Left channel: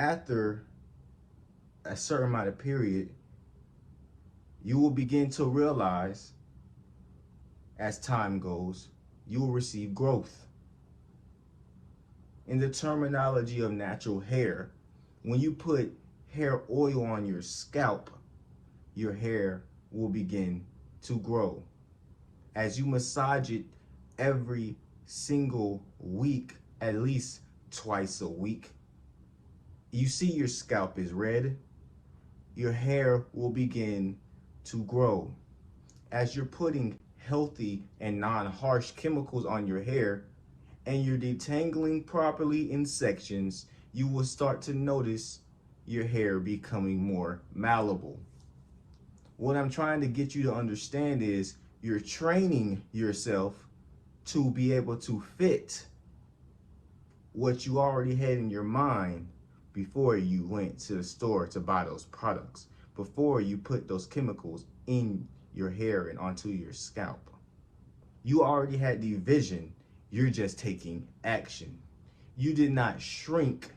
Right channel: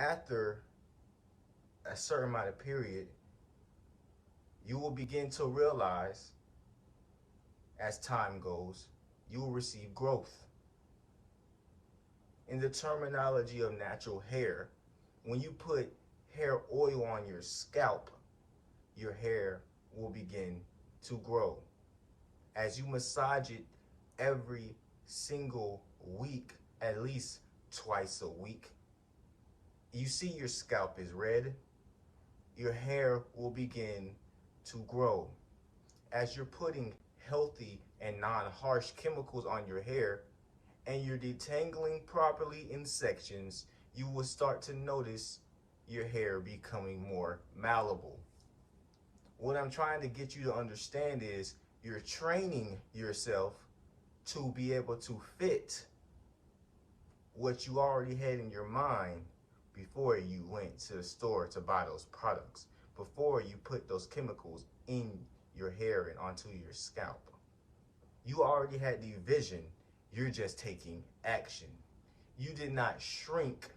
after a certain amount of period, you will begin to realize as time goes, you will receive growth. In the terminology of natural hair, when you put hair oil on your scalp, your hair will begin to grow. As you massage it every single week, at least twice a week, you see your scalp is red, your hair will begin to grow. As you're putting healthy and non-harsh chemicals on your hair and you're detangling properly in sections, you will start to notice your hair becoming more malleable. What I'm trying to get you to understand is you're training yourself to be able to fit what you already had in your mind before you went to the store to buy those products, before you put those chemicals in your hair and onto your scalp. You already had the vision, you're just taking action. You did not shrink